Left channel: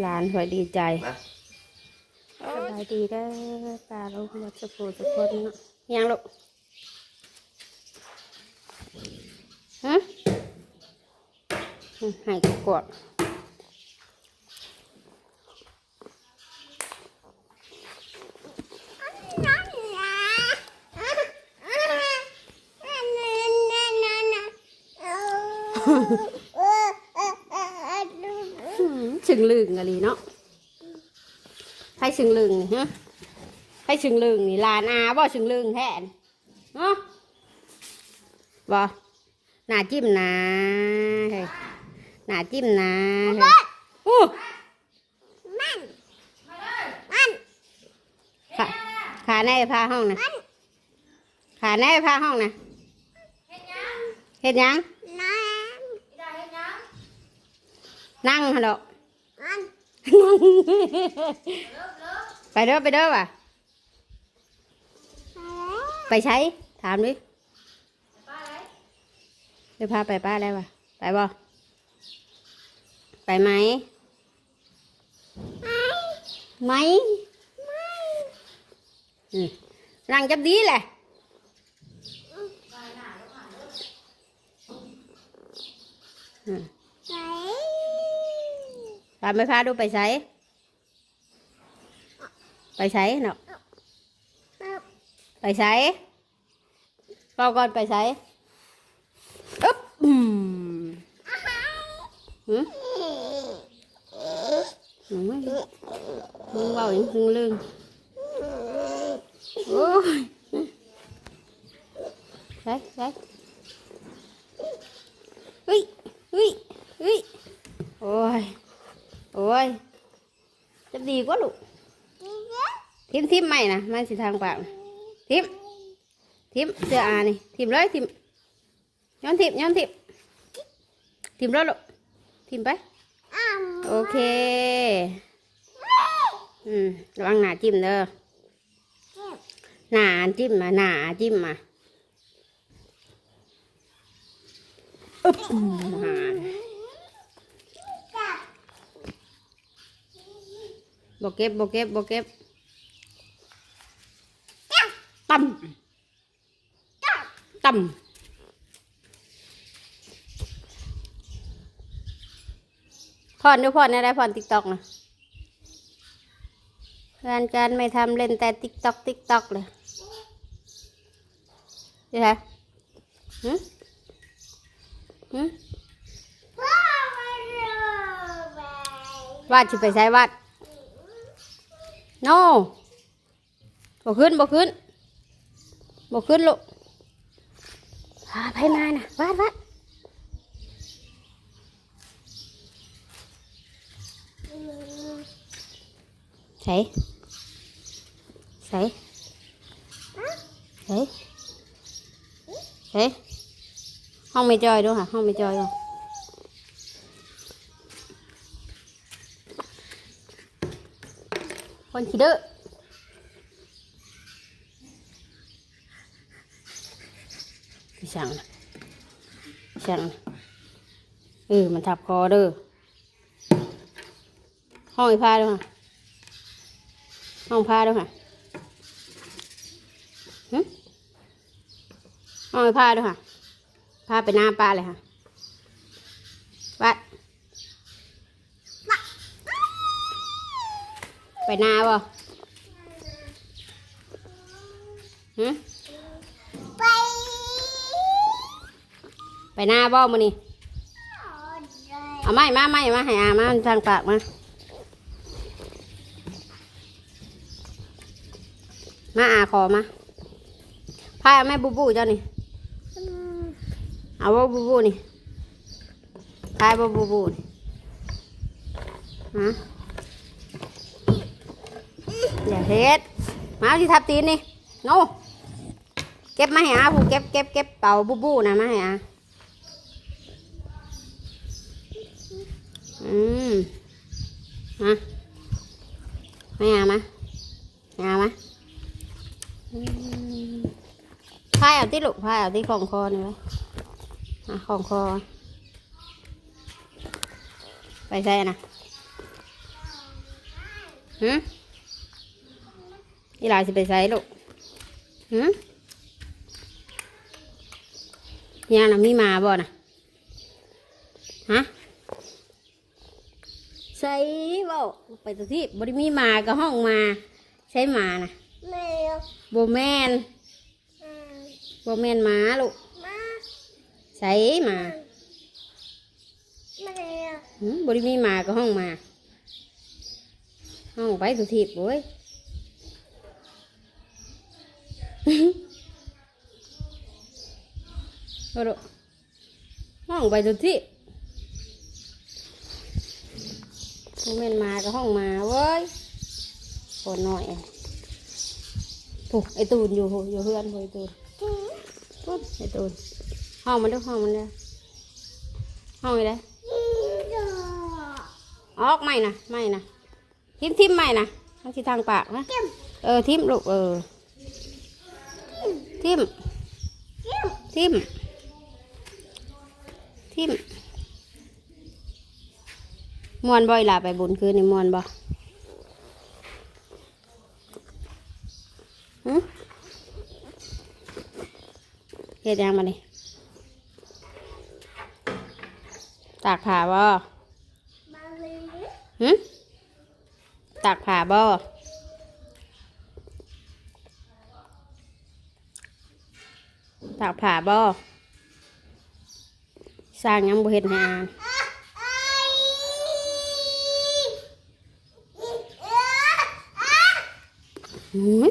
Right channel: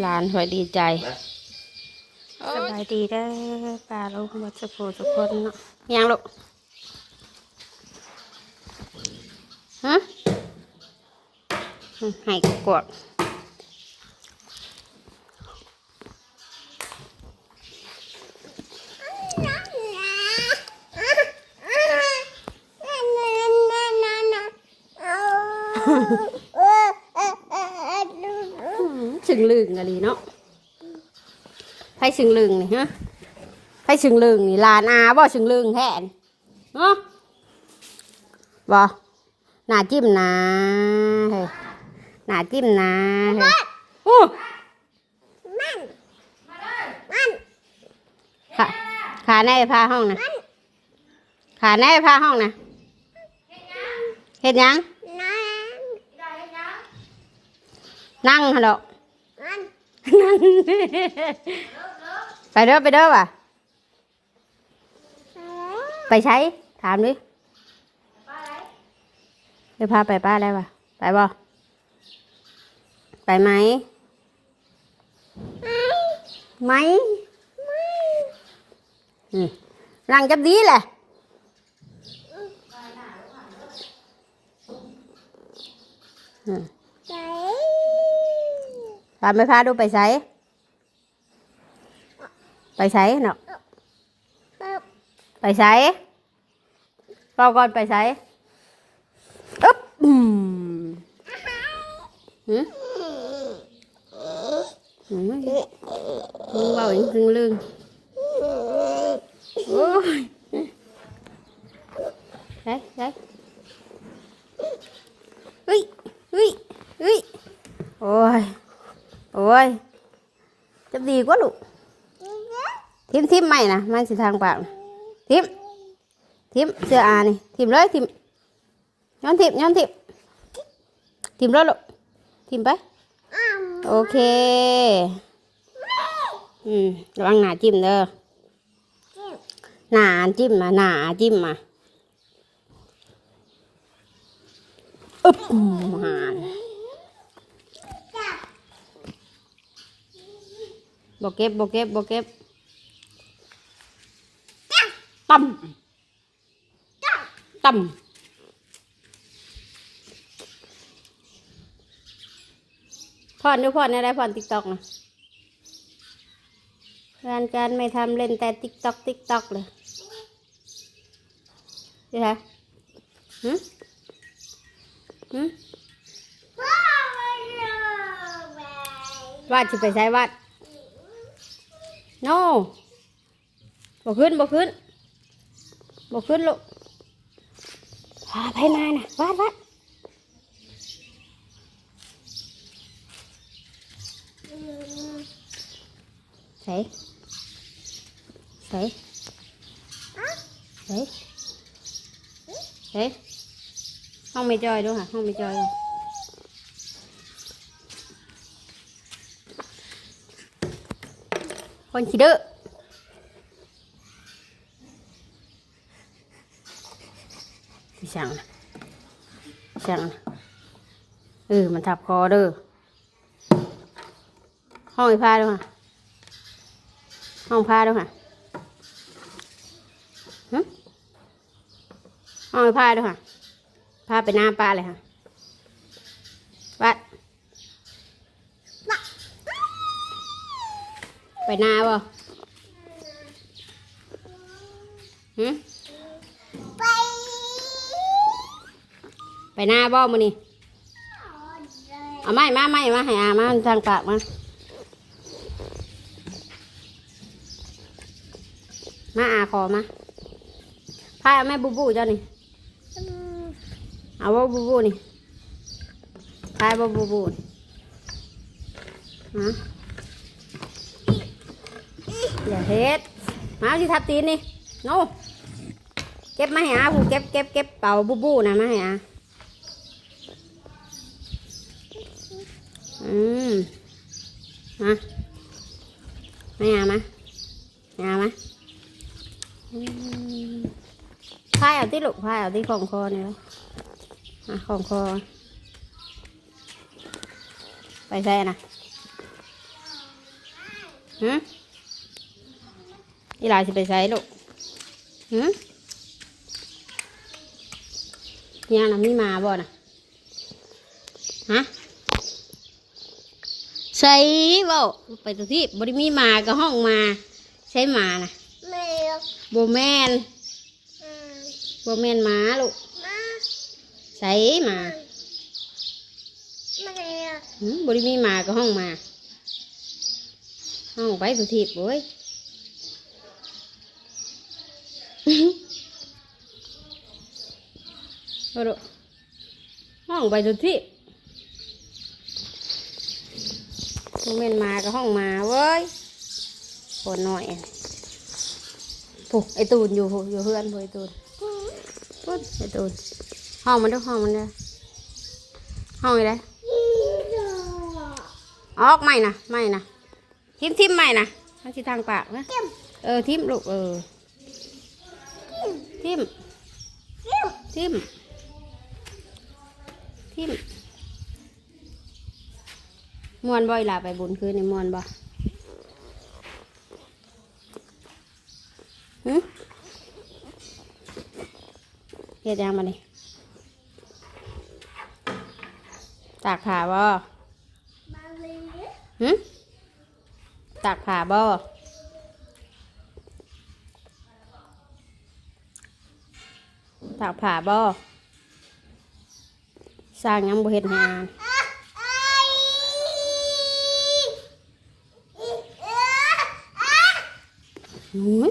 หลานหอยดีใจนะสบายดีเด้อป้าลูกวัดสุโขทุกคนเนาะยังลูกฮะอืมให้กวด อืม สึงลึงอะไรเนาะไผสึงลึงนี่ฮะไผสึงลึงนี่ลานอาบ่สึงลึงแท้นี่เนาะบ่หน้าจิ้มนะเฮ้ยหน้าจิ้มนะเฮ้ยโอ้ขาขาในพาห้องนะขาในพาห้องนะเฮ็ดหยังนั่งฮัลโหล นั่งไปเด้อไปเด้อว่ะ ไปใช้ ถามดิจะพาไปป้าอะไรวะ ไปบ่ไปไหม ไหมรังจับดีแหละอืม พาไม่พาดูไปใช้ไปใช้เนาะไปใช้รอก่อนไปใช้อึ๊บอืมหืมหืมมึงเบาอย่างซึงลึงโอ้ยใช่ใช่เฮ้ยเฮ้ยเฮ้ยโอ้ย โอ้ยจะดีกว่าลูกทิมทิมไม่นะมันสิทางปากนะทิมทิมเสื้ออานี่ทิมเลยทิมย้อนทิมย้อนทิมทิมเลยลูกทิมไปโอเคอืมระวังหนาจิ้มเด้อหนาจิ้มมาหนาจิ้มมาอึ๊บมา บเก็บบเก็บบเก็บตั้มตั้มพอนดูพอนอะไรพอนติ๊กตอกนะงานการไม่ทำเล่นแต่ติ๊กตอกติ๊กตอกเลยนี่ไงหืมหืมวาดจะไปใช้วาด โน่บ่ขึ้นบ่ขึ้นบ่ขึ้นลูกพาไปมาน่ะวาดวาดใส่ใส่ใส่ใส่ห้องไม่จอยดูค่ะห้องไม่จอยดู คนขี้ดื้อพี่ช่างนะช่างนะเออมันทับคอเด้อห้องไอ้ผ้าด้วยค่ะห้องผ้าด้วยค่ะหึห้องไอ้ผ้าด้วยค่ะผ้าไปหน้าป้าเลยค่ะวัด ไปนาบ่ไปหน้าบ่มานี่เอาไม้มาไม้มาให้อามาทางปากมามาอาขอมาพายเอาแม่บูบูเจ้านี่เอาบ่บูบูนี่พายบ่บูบูนี่ฮะ เฮ็ดมาที่ทับตีนนี่โน่เก็บมาให้อาผู้เก็บเก็บเก็บเป่าบูบูนะมาให้อาอืมมาไม่อามาไม่เอามาอืมพายเอาที่ลูกพายเอาที่ของคอนี่วะอะของคอ ไปใส่นะฮะ อีหลาสิไปใส่ลูกฮะยังน่ะมีหมาบ่น่ะฮะใส่เบ่ไปตัวที่บริมีหมาก็ห้องมาใช้หมาน่ะแม่โบแมนอืมโบแมนหมาลูกมาใส่หมาแม่หืมบริมีหมาก็ห้องมาห้องไปตัวที่โว้ย เอาดูห้องไปตัวที่โบแมนหมาก็ห้องมาเว้ยปวดหน่อยปุ๊ไอตูนอยู่พูอยู่เพื่อนพูไอตูนปุ๊บไอตูนห้องมันด้วยห้องมันด้วยห้องอะไรออกไม่นะไม่นะทิมทิมไม่นะมันที่ทางปากนะเออทิมลูกเออ ทิมทิมทิมมวนบ่อยหลาไปบุญคืนนี่มวนบ่หึเฮ็ดยังมาเลยตากผ้าบ่มาเลยหึตากผ้าบ่ ตากผ้าบ่สร้างยังบ่เฮ็ดให้อ่านหืม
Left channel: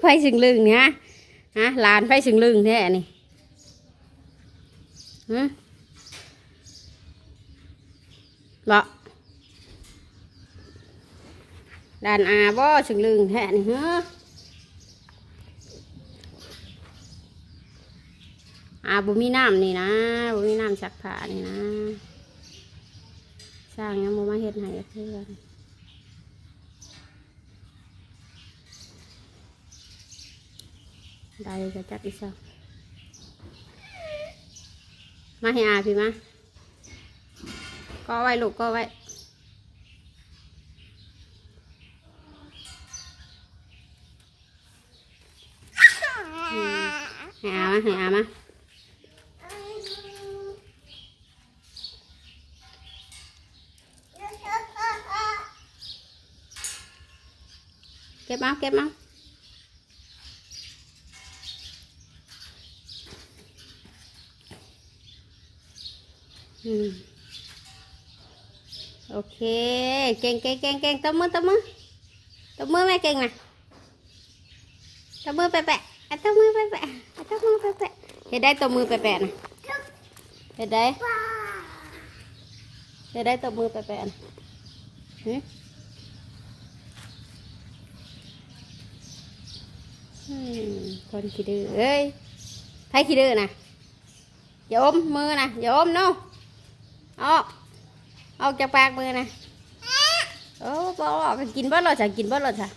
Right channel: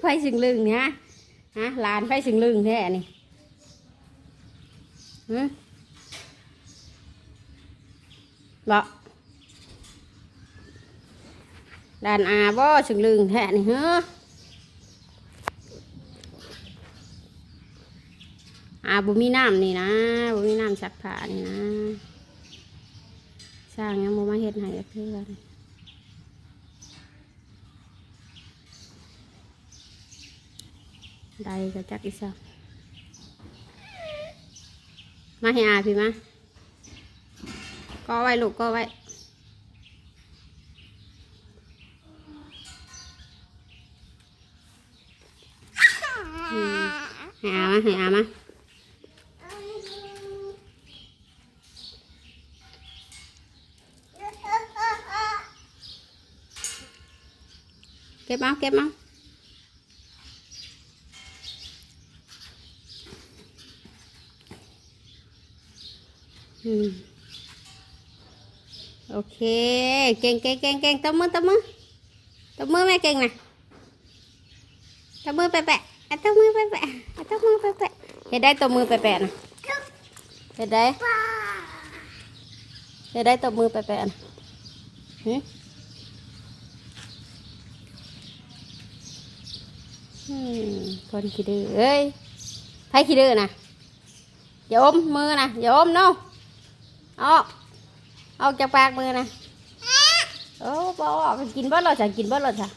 ไฟสึงลึงเนี่ยฮะลานไฟสึงลึงแท้นี่หืมบ่ ดานอาบ่สึงลึงแท้นี่เฮ้ออาบ่มีน้ำนี่นะบ่มีน้ำซักผ้านี่นะ สร้างยังบ่มาเฮ็ดให้เพื่อนได้ก็จักอีสักมาให้อาพี่มาก็ไว้ลูกก็ไว้อืม ให้อามาให้อามาเก็บมาเก็บมาอืมโอเคเก่งเก่งเก่งเก่งตบมือตบมือตบมือแม่เก่งนะตบมือแปะแปะ อะตบมือแปะแปะอะตบมือแปะแปะเห็นได้ตบมือแปะแปะนะเห็นได้ป้าเห็นได้ตบมือแปะแปะนะหึอืมคนขี้ดื้อเอ้ยใครขี้ดื้อนะอย่าอมมือนะอย่าอมเนาะออกออกจากปากมือนะโอ้บออกกินบ่รอดจ้ะกินบ่รอดจ้ะ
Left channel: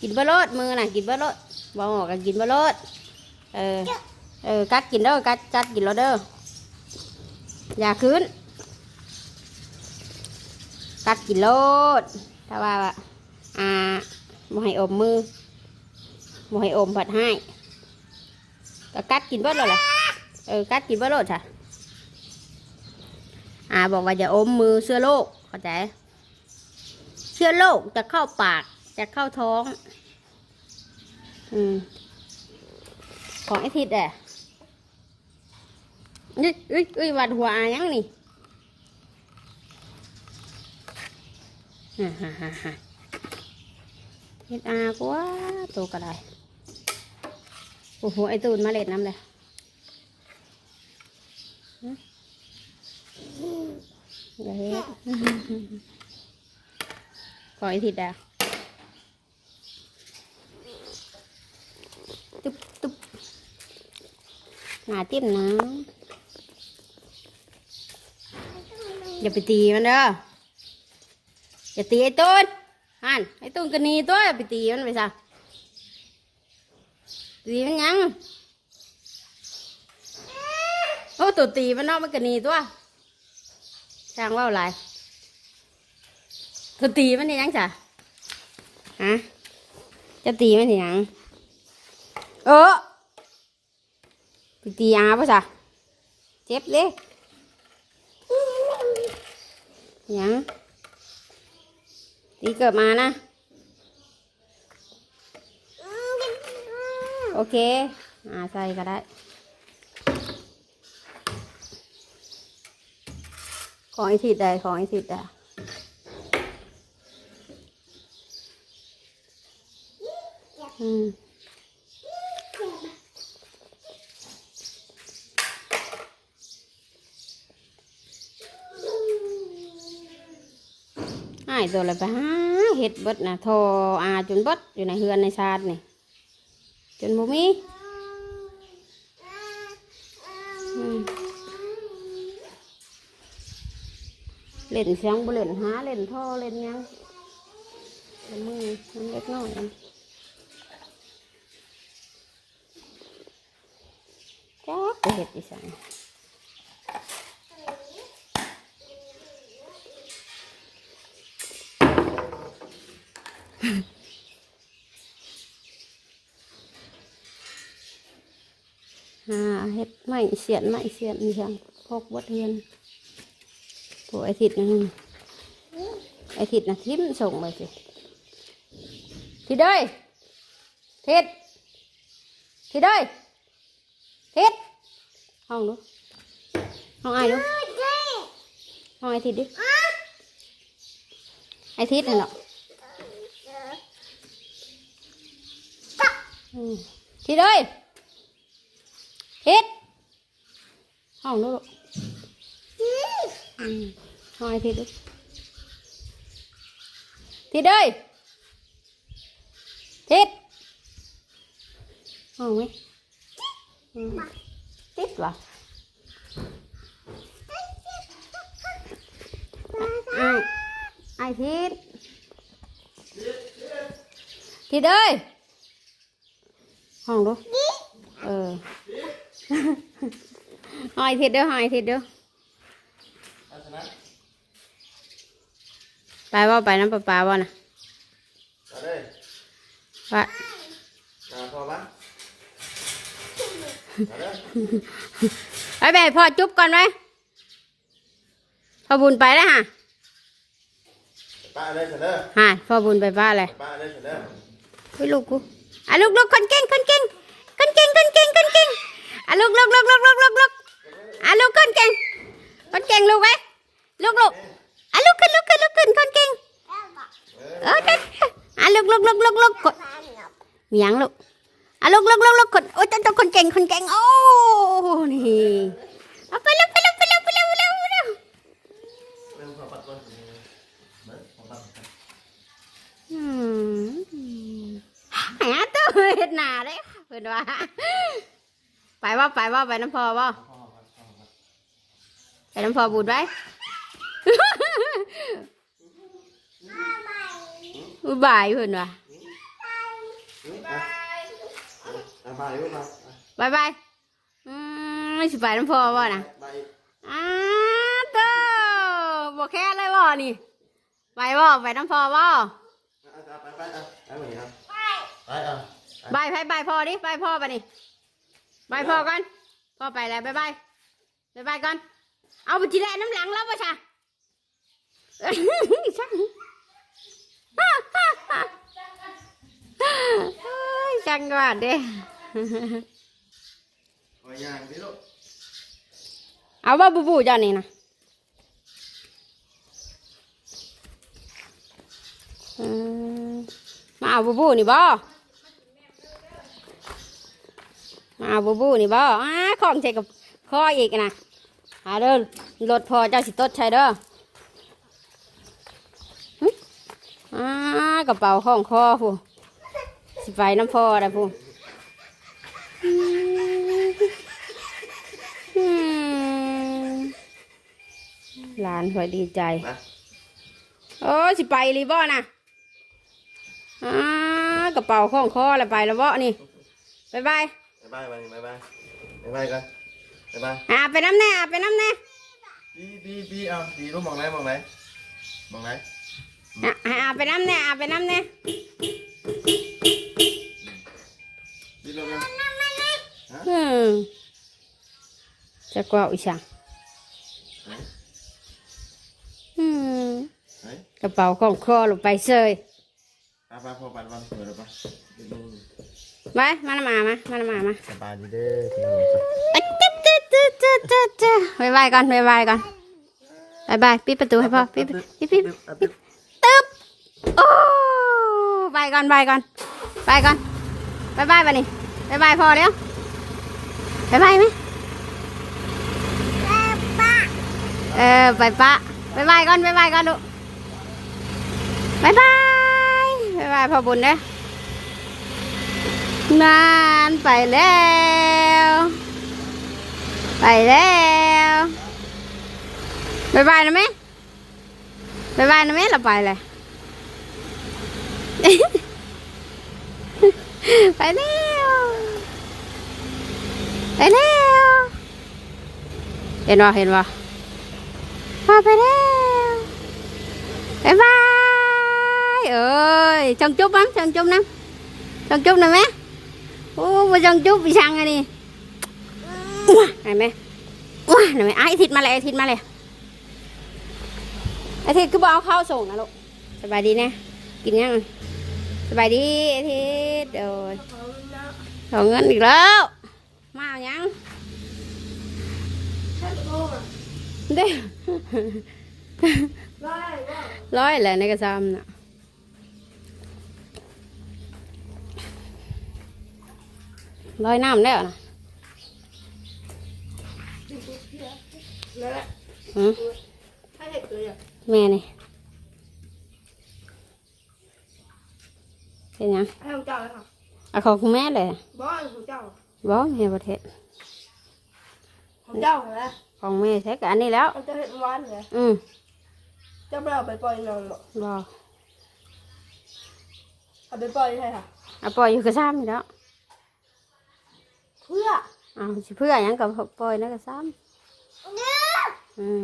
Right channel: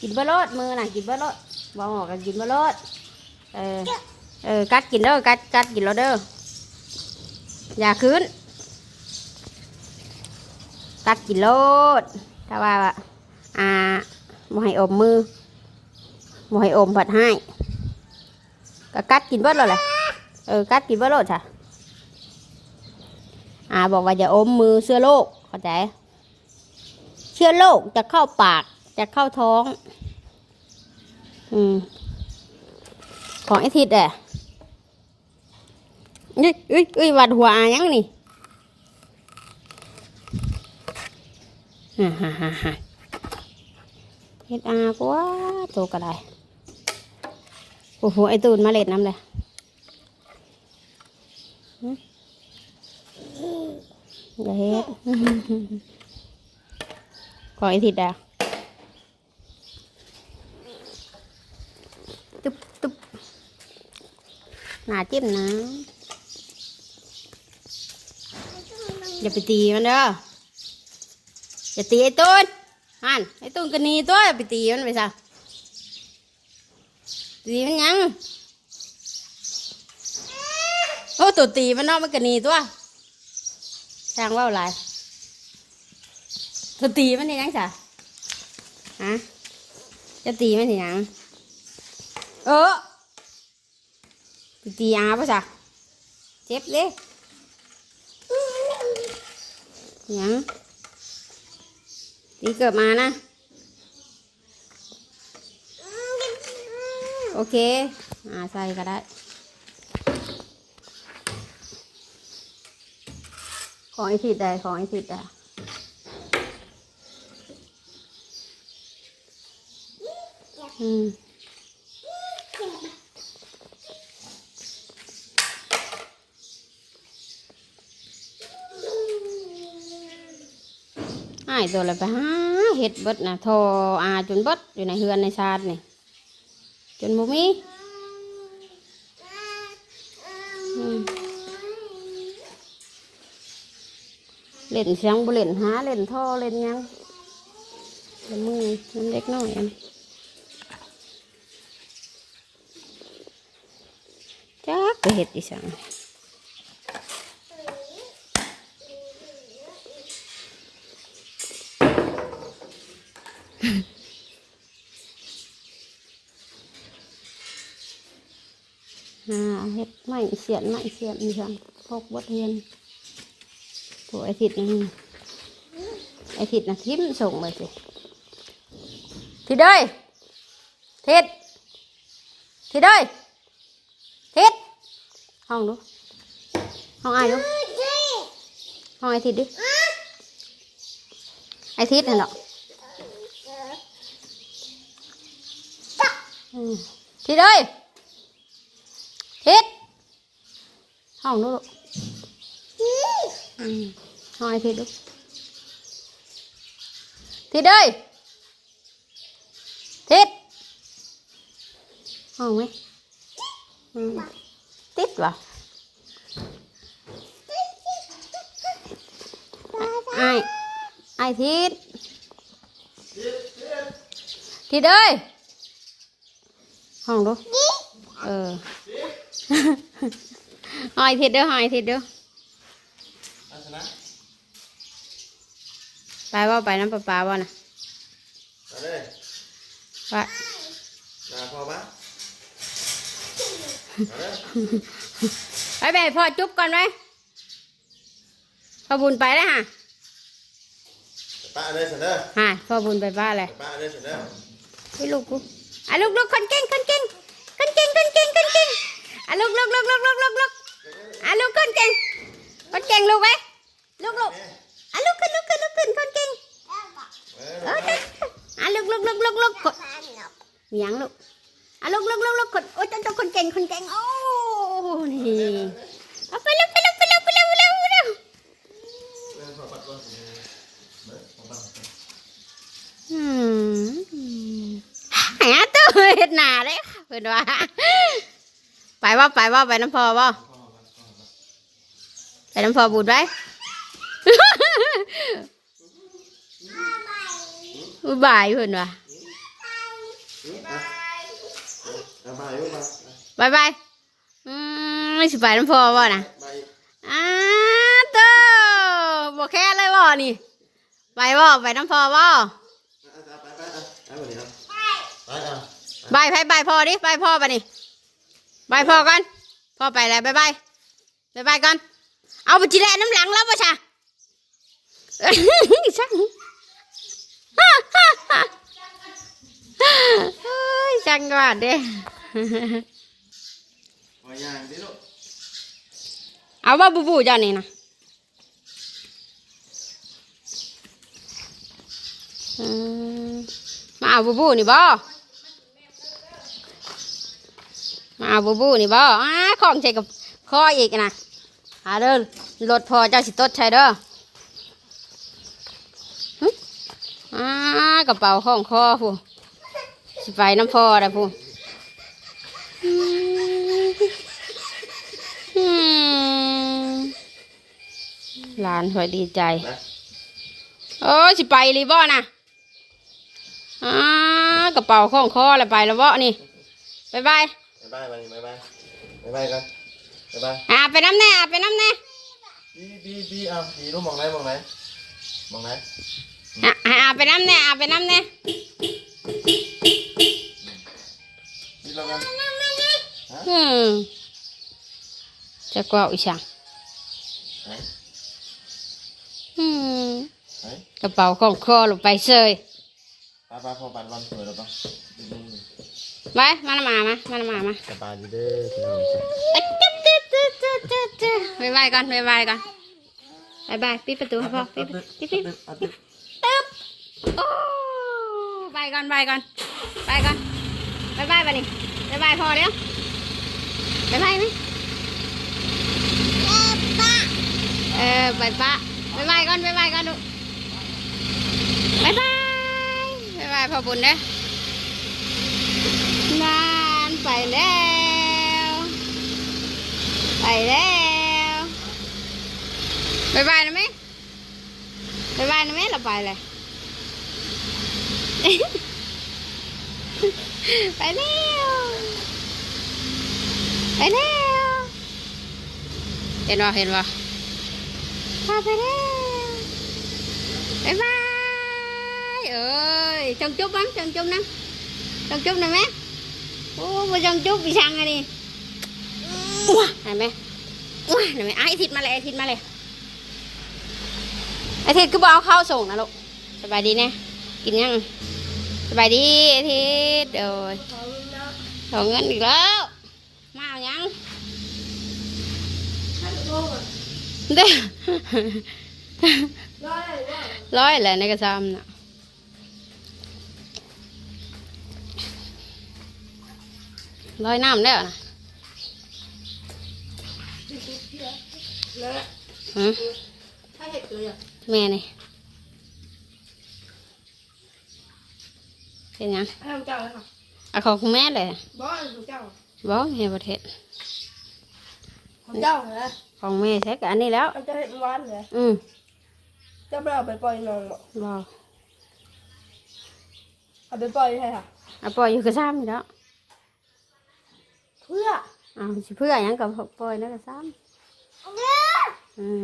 กินบ่รอดมือนะกินบ่รอด บออกก็กินบ่รอดเออ เออ กัดกินเด้อ กัด กัดกินแล้วเด้อ อย่าคืน กัดกินโลดถ้าว่า อ่าบ่ให้อมมือบ่ให้อมผัดให้ ก็กัดกินบ่รอดเลยเออ กัดกินบ่รอดจ้ะอ่าบอกว่าอย่าอมมือเชื้อโรคเข้าใจ เชื้อโรคจะเข้าปาก จะเข้าท้อง อืมของไอทิดแหละนี่อุ้ยอุ้ยวัดหัวอายังนี่ฮ่าฮ่าฮ่าฮ่าเฮ็ดอากว่าโตก็ได้โอ้โหไอตูนมาเล็ดน้ำเลยอย่าเฮ็ดขอไอทิดาตุ๊บตุ๊บ หนาจิ้มนะ อย่าไปตีมันเด้อ อย่าตีไอ้ต้นฮันไอ้ต้นกันนีตัวอย่าไปตีมันไปซะตีมันยัง โอ้ตัวตีมันเนอกมันก็หนีตัวช่างว่าวหลายตัวตีมันนี่ยังจ้ะฮะจะตีมันนี่ยังเออ ตีอาปะจ้ะเจ็บเลยยังตีเกิดมานะ โอเค อ่าใส่ก็ได้ ของไอทิดได้ของไอทิดได้อืมายตัวอะไรไปหาเห็ดเบิดนะทรอาจนเบิดอยู่ในเฮือนในชาตินี่จนบ่มีอืมเล่นเสียงบ่เล่นหาเล่นท่อเล่นยังเล่นมือมันเล็กน้อยจักไปเห็ดอีสังหาเห็ดไม้ เสียนไม้เสียนมีช่องพกบดเฮือนผัวไอทิดนั่ไอทิดนะทิมส่งไปสิทิดเด้ยทิดทิดเด้ยทิดห้องดูห้องอายดูห้องไอทิดดิไอทิดนั่นหรอทิดเด้ยทิศ ห้องนู้นลูกอืมห้องไอทิศลูกทิศเอ้ยทิศ ห้องไหมอืมติดวะไอไอทิศทิศเอ้ยห้องดูเออหอยทิศเด้อหอยทิศเด้อไปว่าไปน้ำปลาปลาว่านะมาเลยว่ามาพอปะไปไปให้พ่อจุ๊บก่อนไหมพ่อบุญไปแล้วฮะป้าเลยเสนอฮะพ่อบุญไปป้าอะไรป้าเลยเสนอไปลูกกูอะลูกลูกคนเก่งคนเก่งคนเก่งคนเก่งคนเก่งอะลูกลูกลูกลูกลูกลูกลูก อะลูกคนเก่งคนเก่งลูกไว้ลูกลูกอะลูกขึ้นลูกขึ้นลูกขึ้นคนเก่งเออเด็กอะลูกลูกลูกลูกลูกกดเมียงลูกอะลูกลูกลูกลูกคนโอ้ยเจ้าเจ้าคนเก่งคนเก่งโอ้นี่เอาไปเร็วไปเร็วไปเร็วไปเร็วไปเร็วไปเร็วเริ่มพอปัดก่อนเบิ้งพอปัดก่อนอืมหาตัวเห็ดหนาเลยเพื่อนว่าไปว่าไปว่าไปน้ำพอว่า ไปน้ำพอบูดไว้อุบายเพื่อนวะบายบายบายบายอืมไม่สิไปน้ำพอว่นะบายอ้าเต้าบอกแค่เลยบ่นี่ ไปบ่ไปน้ำพอบ่อะไปไปไปไปไปพ่อดิบายพ่อไปนี่บายพ่อกันพ่อไปแล้วบายบายบายบายกัน เอาไปจีแลน้ำหลังแล้วป่ะชะช่างเฮ้ยช่างก่อนเด้เอาว่าบูบูจ้านี่นะมมาเอาบูบูนี่บ่มาเอาบูบูนี่บ่อ้าของใส่กับคออีกนะ หาเด้อรถพอเจ้าสิตดใช่เด้ออ้ากระเป๋าของคอผู้สไปน้ำพอได้ผู้อืมอืมหลานคอยดีใจ โอ้สิไปรีบ่นะอ่ากระเป๋าข้องคอแล้วไปแล้วบ่นี่บายบายบายบายวันนี้บายบายบายบายกัน บายบายอะไปน้ำแน่อะไปน้ำแน่บีบีบีเอาบีรู้มองไหนมองไหนมองไหนอะอะอะไปน้ำแน่อะไปน้ำแน่บีลงกันอืมจะกว่าอีช่างไหนอืมไหนกระเป๋าของคอลงไปเซยป้าป้าพอปันวันเปิดแล้วปะไปมาละมามามาละมามาสบายดีเด้อที่นี่เอ้ย จ๊ะจ๊ะจ๊ะจ๊ะจ๊ะจ๊ะบายบายกันบายบายกันบายบายปิดประตูให้พ่อปิดปิดปิดปิดตึ๊บโอ้บายกันบายกันบายกันบายบายไปนี่บายบายพอแล้วบายบายไหมเออไปปะบายบายก่อนบายบายก่อนลูกบายบายบายบายพ่อบุญเด้อนานไปแล้ว ไปแล้วบายบายนะแม่บายบายนะแม่เราไปเลย ไปแล้วไปแล้วเห็นบ่เห็นบ่พาไปแล้วบายบายเอ้ยจงจุ๊บมั้งจงจุ๊บนะจงจุ๊บหน่อยไหมโอ้มาจงจุ๊บไปช่างไงนี่ เห็นไหมว้าเห็นไหมไอ้ทิศมาเลยไอ้ทิศมาเลยไอ้ทิศก็บอกเอาข้าวส่งนะลูกสบายดีเนี่ยกินยังสบายดีไอ้ทิศเดี๋ยวขอเงินอีกแล้ว มาเอายังเด้อร้อยแหละในกระซำน่ะร้อยน้ำ แล้วนะฮะแม่นี่เป็นยังให้ของเจ้าเลยค่ะเอาของคุณแม่เลยบอสของเจ้าบอกแม่ประเทศของเจ้าเหรอของแม่ใช้กับอันนี้แล้วมันจะเห็นหวานเหรออืมเจ้าไม่เอาไปปล่อยน้องบอกบอกเอาไปปล่อยใช่ค่ะเอาปล่อยอยู่กระซ้ำอยู่แล้วเพื่อเอาสิเพื่อหยังกับปล่อยนะกระซ้ำ อืม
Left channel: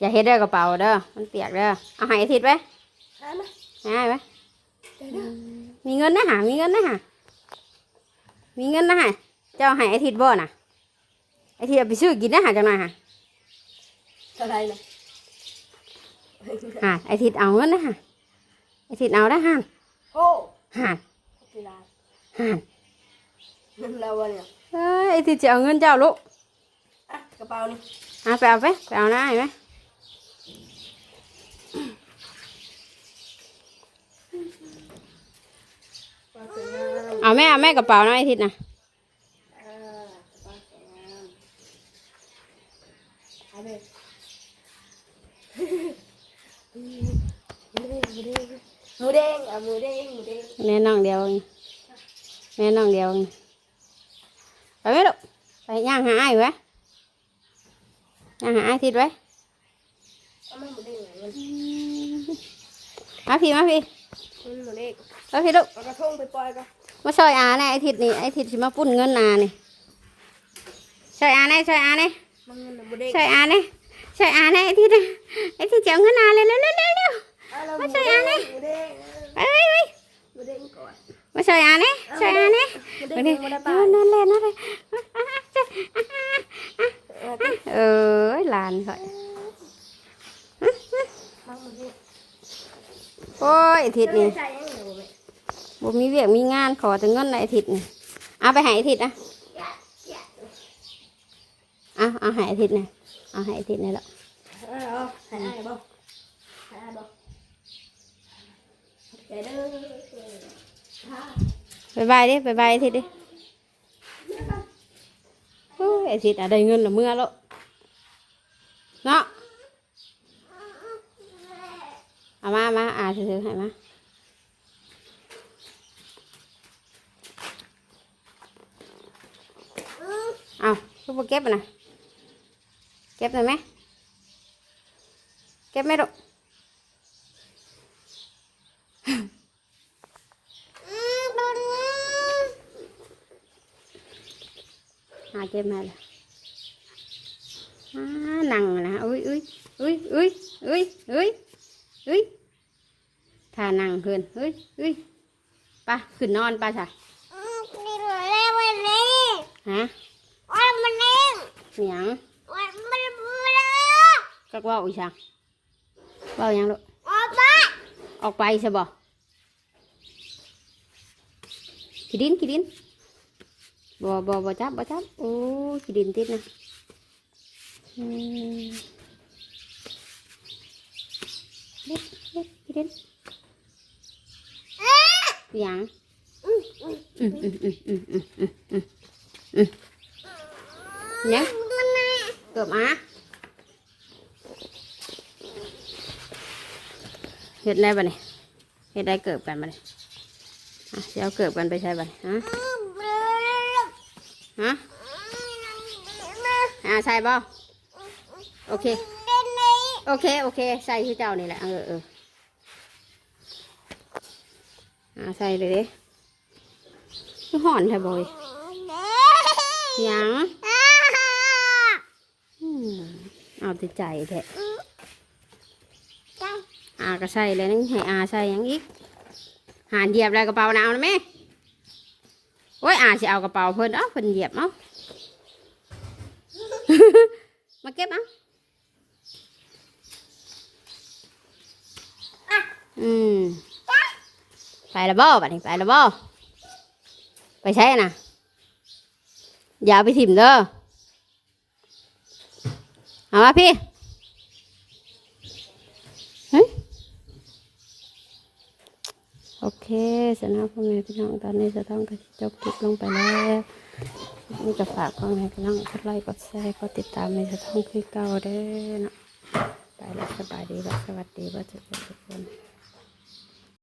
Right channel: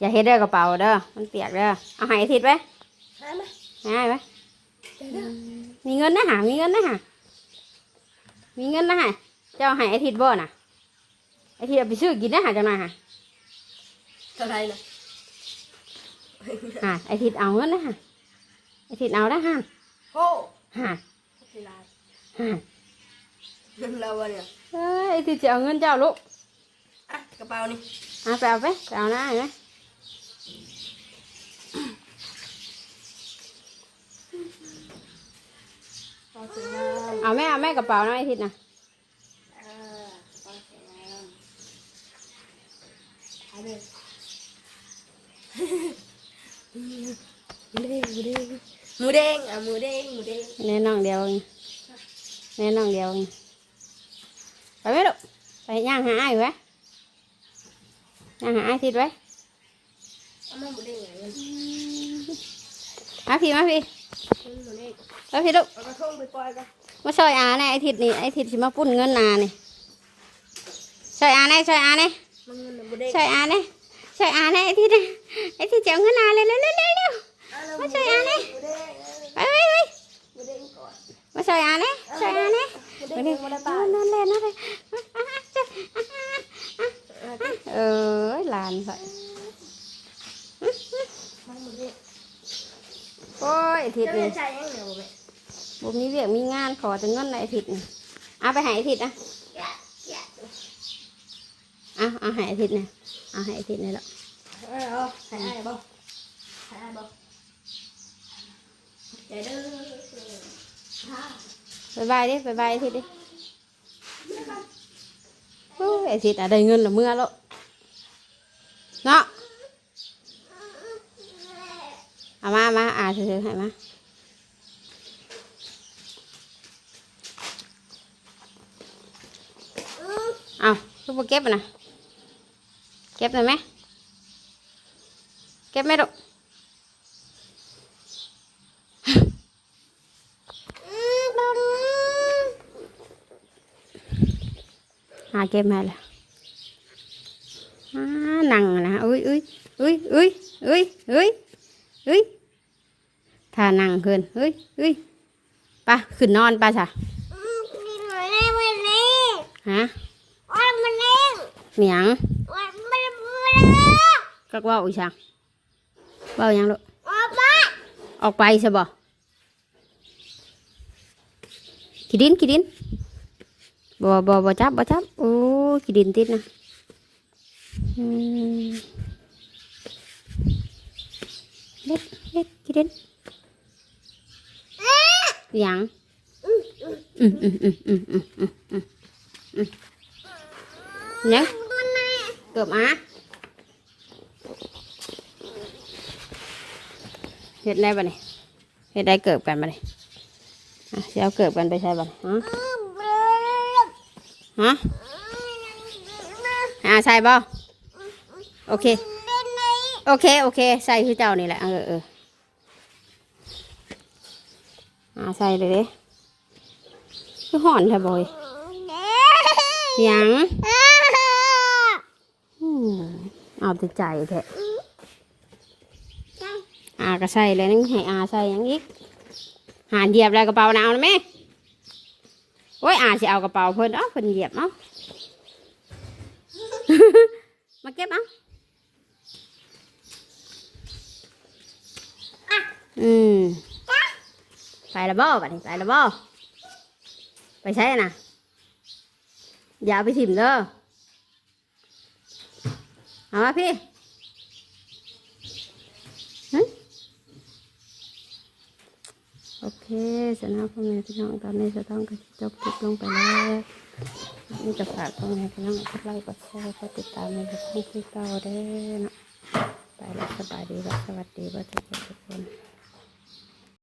อย่าเฮ็ดเด้อกระเป๋าเด้อ มันเปียกเด้อ เอาใหายทิศไว้หามาง่ายไหมมีเงินนะหามีเงินนะหามีเงินนะหาเจ้าให้ไอทิดบ่น่ะไอทิดเอาไปซื้อกินนะหาจังหน่อยหาเท่าไหรนะหาไอทิดเอาเงินนะหาไอทิดเอาได้หาโอ้หาทีไรหา เงินเราเนี่ยเอ้ยไอทิดจะเอาเงินเจ้าลูกอะกระเป๋านี่เอาไปเอาไปไปเอาได้ไหมปลาสวยงามเอาแม่เอาแม่กระเป๋านะไอทิดนะอ่าปลาสวยงามเอาเลยหมูเด้งหมูเด้งหมูเด้งอะหมูเด้งหมูเด้ง แม่น้องเดียวเองแม่น้องเดียวเอง ไปไหมลูกไปย่างหาไอ้ไว้ย่างหาไอ้ทิดไว้เอามาหมูเด้งอย่างเงี้ยมาพี่มาพี่หมูเด้งมาพี่ลูกเอากระทงไปปล่อยกันมาช่วยอาแน่ไอ้ทิดนี่ไอ้ทิดสิมาปุ้นเงินอานี่ช่วยอาแน่ช่วยอาแน่มันเงินหมูเด้งช่วยอาแน่ช่วยอาแน่ไอ้ทิดน่ะไอ้ทิดจะเอาเงินอาเลยเร็วเร็วเร็วเร็วเอาแล้วมาช่วยอาแน่หมูเด้งไปไปไปหมูเด้งก่อน มาช่อาแน่ช่วยอาแน่หมูมาดินั่นนั่นเลยนั่นเลยเออหลานข่โอ้ยทิดนี่บ่ม่บ่มีเวียกมีงานขอแต่เงินในไอ้ทิดนี่เอาไปห้ไอ้ทิดนะเอาเอาห้ไอ้ทิดนะเอาห้ไอ้ทิดนี่แหละเออเอาใส่ได้บ่ใส่ได้บ่ใจเด้อบายบายดิบายบายไอ้ทิดดิโอ้ยไอ้ทิดอะได้เงินและเมื่อ แล้วเนาะเอามามาอ่าซื้อๆให้มาเอาลูกไปเก็บอะ เก็บมาละนั่งนะอุ้ยอุ้ยอุ้ยอุ้ยอุ้ยอุ้ยอุ้ยถ้านั่งขึ้นอุ้ยอุ้ยปะขึ้นนอนปะจ้ะฮะวันมันเล่เหมียงวันมันมือก็ว่าอีช่างว่าอย่างลูกออกไปออกไปใช่บ่ขีดินขีดิน บ่บ่บ่จับบ่จับโอ้ขี้ดินติดนะเล็กเล็กขี้ดินยังเนี่ยเกือบอะเห็ดได้ปะเนี่ยเห็ดได้เกิบกันปะเนี่ยเอาเย้าเกิบกันไปใช่บัเนฮะ ฮะอ่าใส่บ่โอเค โอเค โอเค ใส่คือเจ้านี่แหละ เออเอออ่าใส่เลยคือห่อนแท้บอยยังเอาแต่ใจแท้อาก็ใส่เลยนึงให้อาใส่ยังอีกหาเหยียบอะไรกระเป๋าหนาวนะแม่ โอ้ยอาจะเอากระเป๋าเพิ่นเอ้าเพิ่นเหยียบเอ้ามาเก็บเอ้าอืมไปและบ่บัดนี้ไปและบ่ไปใช้น่ะอย่าเอาไปถิ่มเด้อเอามาพี่ โอเคสำหรับพ่อแม่พี่น้องตอนนี้จะต้องกจบคลิปลงไปแล้วนี่จะฝากพ่อแม่พี่น้องกดไลค์กดแชร์กดติดตามในสถานคุยเก่าได้นะไปแล้วสบายดีและสวัสดีว่าทุกคนทุกคน